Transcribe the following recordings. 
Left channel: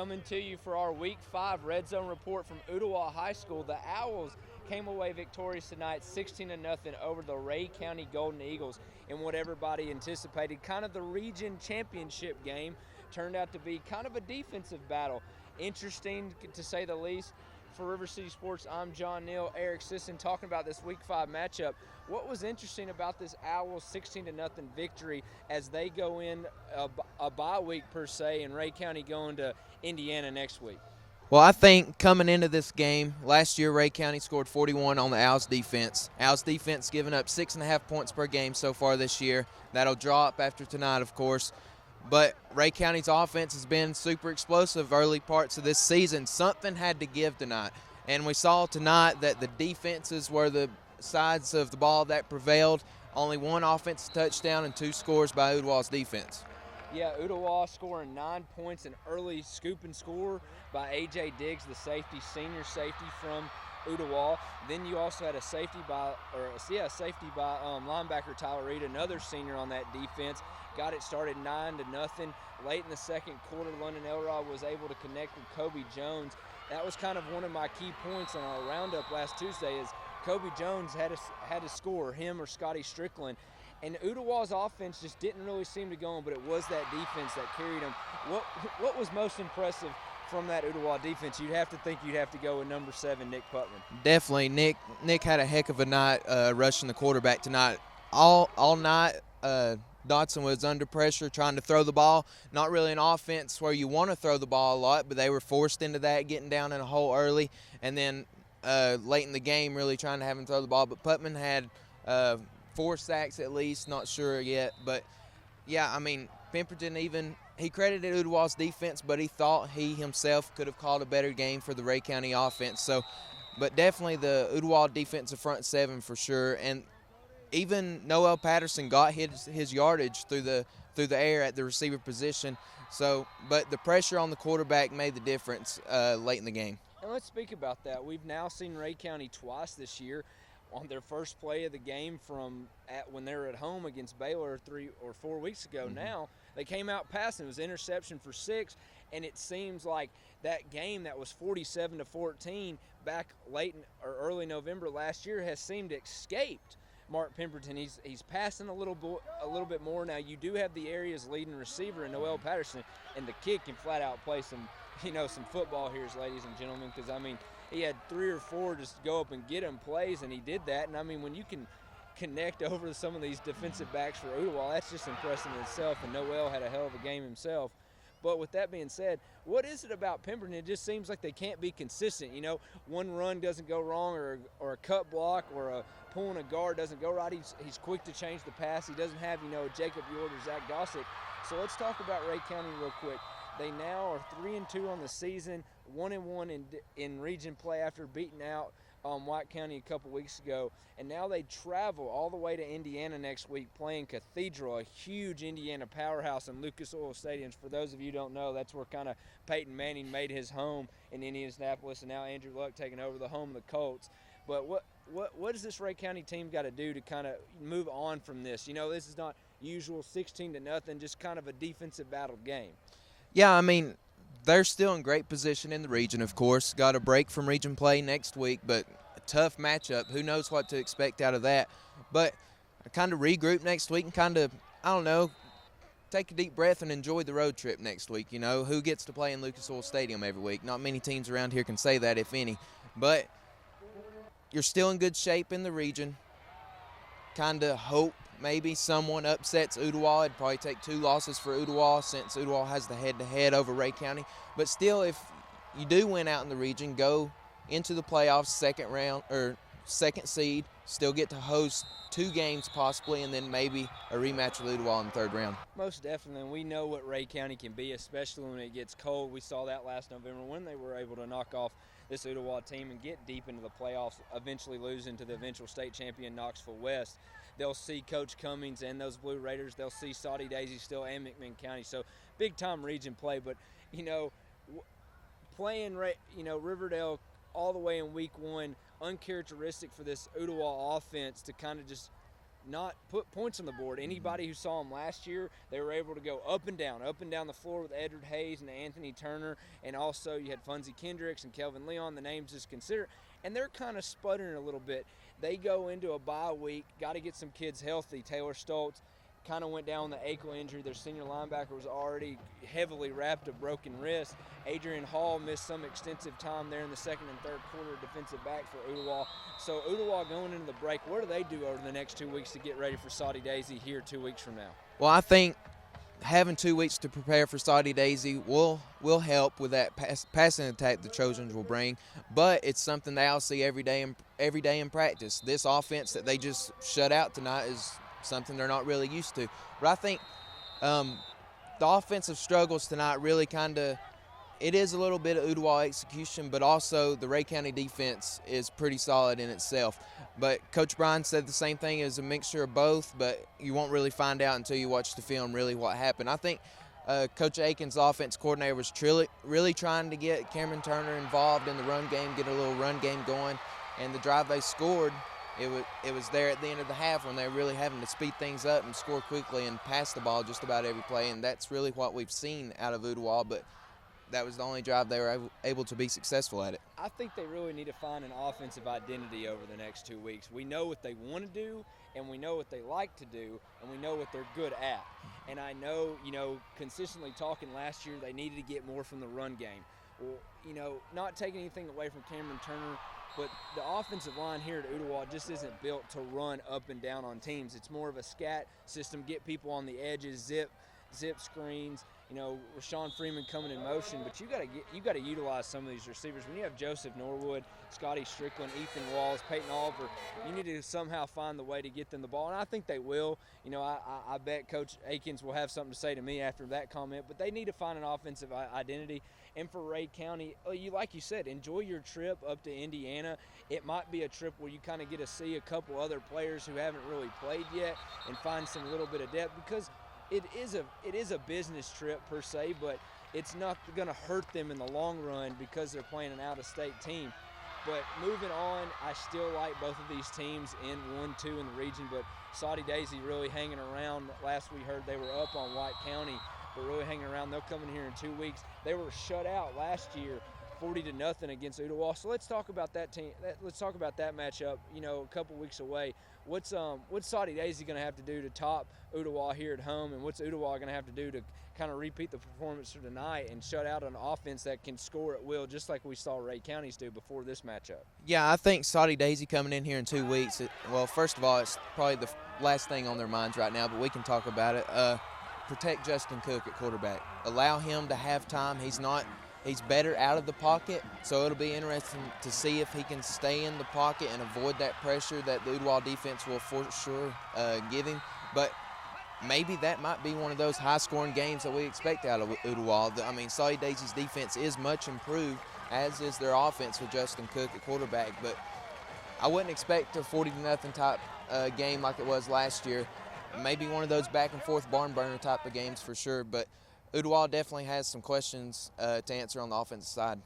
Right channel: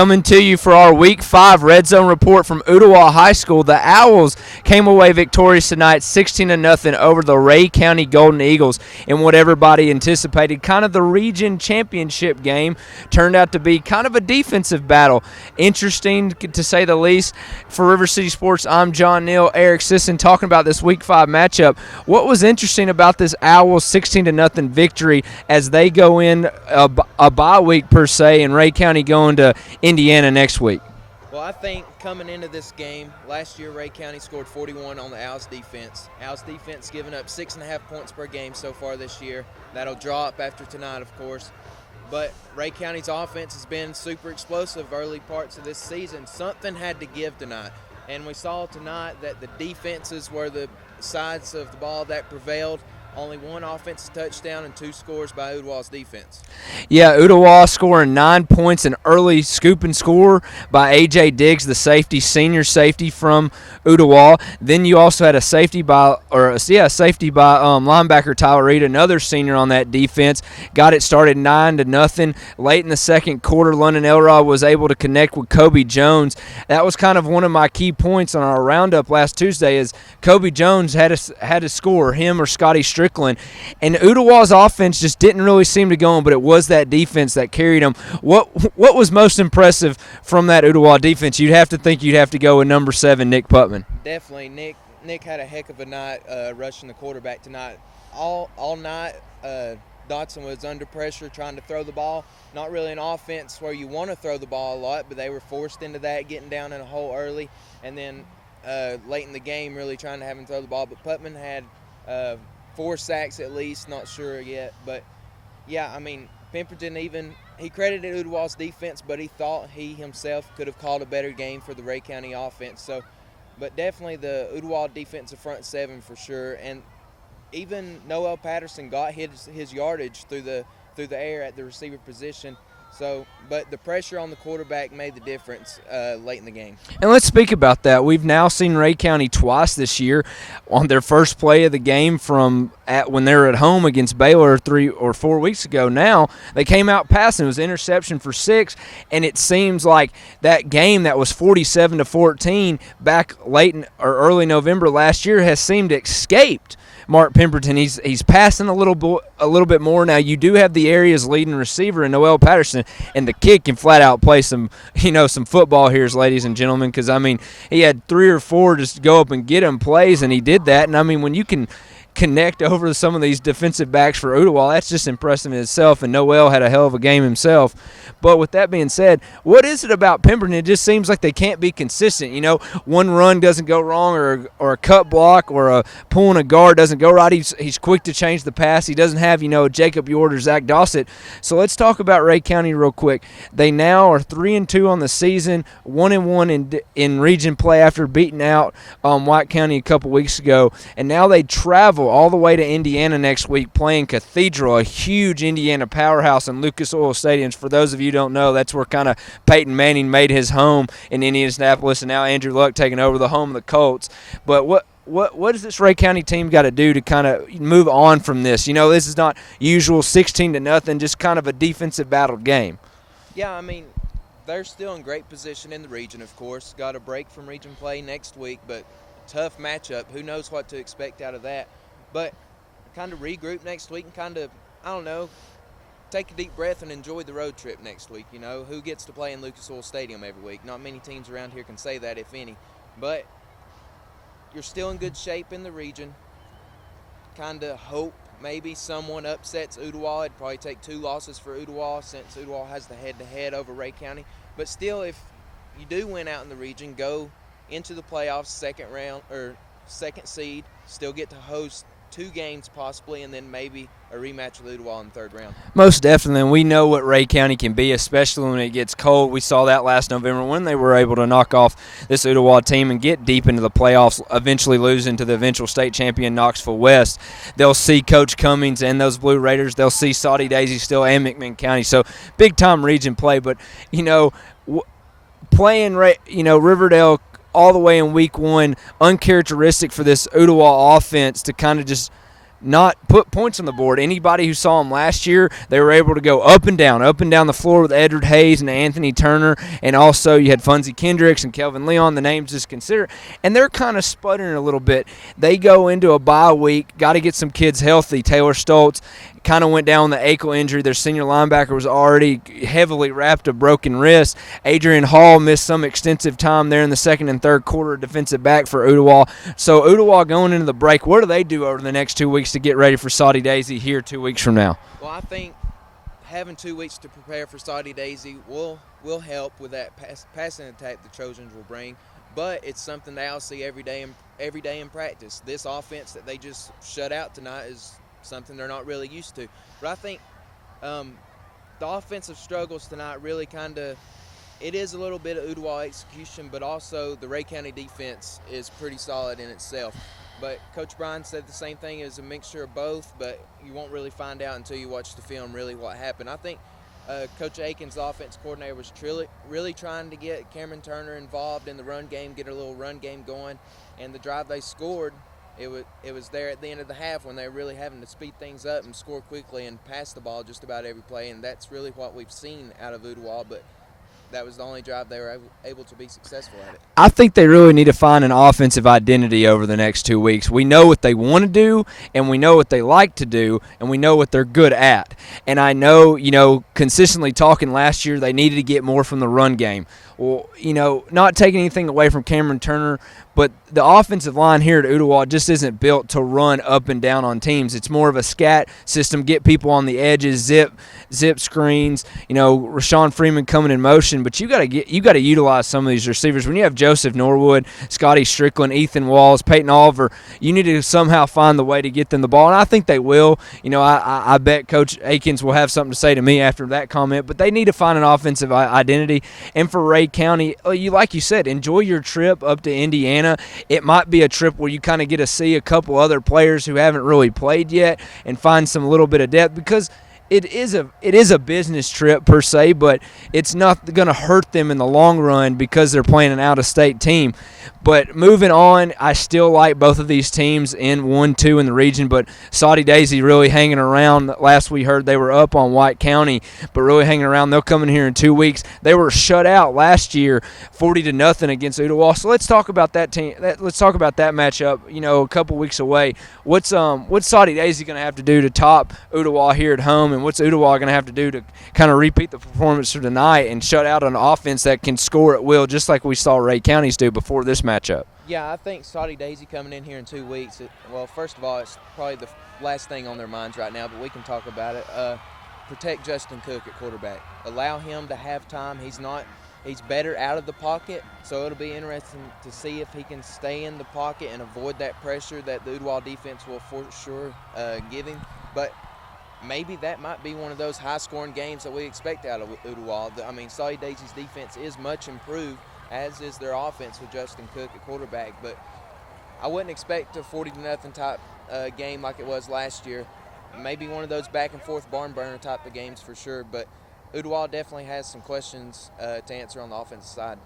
Coming to you for our Week 5 Red Zone report from Ooltewah High School. The Owls came away victorious tonight 16-0 over the Rhea County Golden Eagles in what everybody anticipated. Kind of the region championship game turned out to be kind of a defensive battle. Interesting to say the least. For River City Sports, I'm John Neal, Eric Sisson, talking about this Week 5 matchup. What was interesting about this Owls 16-0 victory as they go in a bye week per se, and Rhea County going to Indiana next week? Well, I think coming into this game, last year Rhea County scored 41 on the Owls defense. Owls defense giving up 6.5 points per game so far this year. That'll drop after tonight, of course. But Rhea County's offense has been super explosive early parts of this season. Something had to give tonight. And we saw tonight that the defenses were the sides of the ball that prevailed. Only one offensive touchdown and 2 scores by Ooltewah's defense. Yeah, Ooltewah scoring 9 points, an early scoop and score by A.J. Diggs, the safety, senior safety from Ooltewah. Then you also had a safety by linebacker Tyler Reed, another senior on that defense. Got it started 9-0. Late in the second quarter, London Elrod was able to connect with Kobe Jones. That was kind of one of my key points on our roundup last Tuesday is Kobe Jones had to score, him or Scotty Strickland. And Ooltewah's offense just didn't really seem to go on, but it was that defense that carried them. What was most impressive from that Ooltewah defense? You'd have to go with number 7, Nick Putman. Definitely. Nick had a heck of a night rushing the quarterback tonight. All night, Dotson was under pressure trying to throw the ball. Not really an offense where you want to throw the ball a lot, but they were forced into that, getting down in a hole early. And then late in the game really trying to have him throw the ball. But Putman had 4 sacks at least, not sure yet. But, yeah, I mean, Pemberton he credited Ooltewah's defense, but he thought he himself could have called a better game for the Rhea County offense. So, but definitely the Ooltewah defensive front 7 for sure. And even Noel Patterson got his yardage through the air at the receiver position. So, but the pressure on the quarterback made the difference late in the game. And let's speak about that. We've now seen Rhea County twice this year on their first play of the game when they were at home against Baylor 3 or 4 weeks ago. Now they came out passing. It was interception for 6, and it seems like that game that was 47-14 back late or early November last year has seemed escaped Mark Pemberton. He's passing a little bit more now. You do have the area's leading receiver in Noel Patterson, and the kid can flat out play some football here, ladies and gentlemen. Because I mean, he had 3 or 4 just go up and get him plays, and he did that. And I mean, when you can connect over some of these defensive backs for Ooltewah, that's just impressive in itself. And Noel had a hell of a game himself. But with that being said, what is it about Pemberton? It just seems like they can't be consistent. One run doesn't go wrong, or a cut block, or a pulling a guard doesn't go right. He's quick to change the pass. He doesn't have, Jacob Yord or Zach Dossett. So let's talk about Rhea County real quick. They now are 3-2 on the season, 1-1 in region play after beating out White County a couple weeks ago. And now they travel all the way to Indiana next week playing Cathedral, a huge Indiana powerhouse in Lucas Oil Stadium. For those of you who don't know, that's where kind of Peyton Manning made his home in Indianapolis, and now Andrew Luck taking over the home of the Colts. But what does this Rhea County team got to do to kind of move on from this? This is not usual 16-0, just kind of a defensive battle game. Yeah, I mean, they're still in great position in the region, of course. Got a break from region play next week, but a tough matchup. Who knows what to expect out of that? But kind of regroup next week and kind of, I don't know, take a deep breath and enjoy the road trip next week. Who gets to play in Lucas Oil Stadium every week? Not many teams around here can say that, if any. But you're still in good shape in the region. Kind of hope maybe someone upsets Ooltewah. It'd probably take 2 losses for Ooltewah since Ooltewah has the head-to-head over Rhea County. But still, if you do win out in the region, go into the playoffs, second round or second seed, still get to host 2 games possibly, and then maybe a rematch with Ooltewah in the 3rd round. Most definitely, and we know what Rhea County can be, especially when it gets cold. We saw that last November when they were able to knock off this Ooltewah team and get deep into the playoffs, eventually losing to the eventual state champion Knoxville West. They'll see Coach Cummings and those Blue Raiders. They'll see Saudi Daisy still and McMinn County. So big-time region play, but, playing, Riverdale all the way in week 1, uncharacteristic for this Ooltewah offense to kind of just not put points on the board. Anybody who saw them last year, they were able to go up and down the floor with Edward Hayes and Anthony Turner, and also you had Funzie Kendricks and Kelvin Leon, the names just consider, and they're kind of sputtering a little bit. They go into a bye week, got to get some kids healthy. Taylor Stoltz kind of went down with the ankle injury. Their senior linebacker was already heavily wrapped a broken wrist. Adrian Hall missed some extensive time there in the second and third quarter, defensive back for Ooltewah. So Ooltewah going into the break, what do they do over the next 2 weeks to get ready for Saudi Daisy here 2 weeks from now? Well, I think having 2 weeks to prepare for Saudi Daisy will help with that passing attack the Trojans will bring, but it's something they all see every day in practice. This offense that they just shut out tonight is something they're not really used to. But I think the offensive struggles tonight really it is a little bit of Ooltewah execution, but also the Rhea County defense is pretty solid in itself. But Coach Bryan said the same thing, is a mixture of both, but you won't really find out until you watch the film really what happened. I think Coach Aiken's offense coordinator was really trying to get Cameron Turner involved in the run game, get a little run game going, and the drive they scored, it was there at the end of the half when they were really having to speed things up and score quickly and pass the ball just about every play, and that's really what we've seen out of Ooltewah, but that was the only drive they were able to be successful at it. I think they really need to find an offensive identity over the next 2 weeks. We know what they want to do, and we know what they like to do, and we know what they're good at. And I know, consistently talking last year, they needed to get more from the run game. Well, not taking anything away from Cameron Turner, but the offensive line here at Ooltewah just isn't built to run up and down on teams. It's more of a scat system, get people on the edges, zip screens, Rashawn Freeman coming in motion, but you got to utilize some of these receivers. When you have Joseph Norwood, Scotty Strickland, Ethan Walls, Peyton Oliver, you need to somehow find the way to get them the ball, and I think they will. I bet Coach Akins will have something to say to me after that comment, but they need to find an offensive identity. And for Rhea County, like you said, enjoy your trip up to Indiana. It might be a trip where you kind of get to see a couple other players who haven't really played yet and find some little bit of depth, because it is a business trip per se, but it's not going to hurt them in the long run because they're playing an out-of-state team. But moving on, I still like both of these teams in 1-2 in the region, but Saudi Daisy really hanging around. Last we heard they were up on White County, but really hanging around. They'll come in here in 2 weeks. They were shut out last year 40-0 against Ooltewah. So let's talk about that team. Let's talk about that matchup, a couple weeks away. What's Saudi Daisy going to have to do to top Ooltewah here at home, and what's Ooltewah going to have to do to kind of repeat the performance for tonight and shut out an offense that can score at will, just like we saw Rhea County's do before this matchup? Yeah, I think Saudi Daisy coming in here in 2 weeks, first of all, it's probably the last thing on their minds right now, but we can talk about it. Protect Justin Cook at quarterback. Allow him to have time. He's better out of the pocket, so it'll be interesting to see if he can stay in the pocket and avoid that pressure that the Ooltewah defense will for sure give him. But maybe that might be one of those high-scoring games that we expect out of Ooltewah. Saudi Daisy's defense is much improved, as is their offense with Justin Cook at quarterback. But I wouldn't expect a 40-0 type game like it was last year. Maybe one of those back-and-forth barn burner type of games for sure, but Ooltewah definitely has some questions to answer on the offensive side.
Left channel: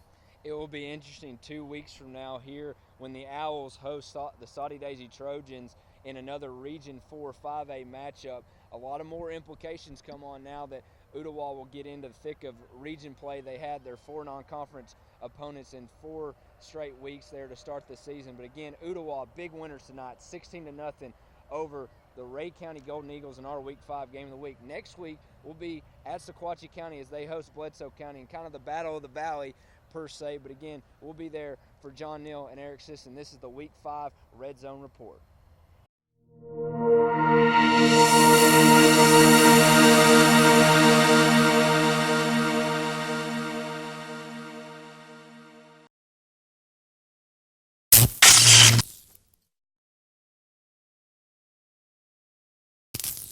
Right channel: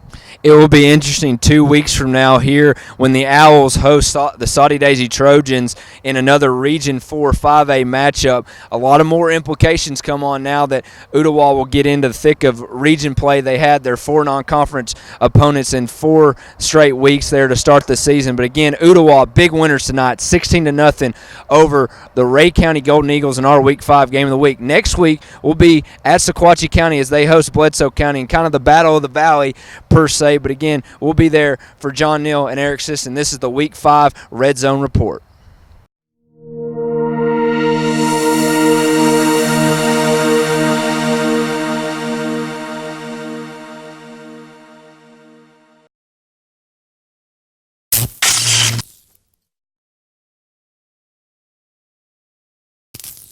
It will be interesting 2 weeks from now here when the Owls host the Saudi Daisy Trojans in another Region 4 5A matchup. A lot of more implications come on now that Ooltewah will get into the thick of region play. They had their 4 non-conference opponents in 4 straight weeks there to start the season. But again, Ooltewah, big winners tonight, 16-0 over the Rhea County Golden Eagles in our Week 5 game of the week. Next week will be at Sequatchie County as they host Bledsoe County, and kind of the battle of the valley per se. But again, we'll be there for John Neal and Eric Sisson. This is the Week 5 Red Zone Report.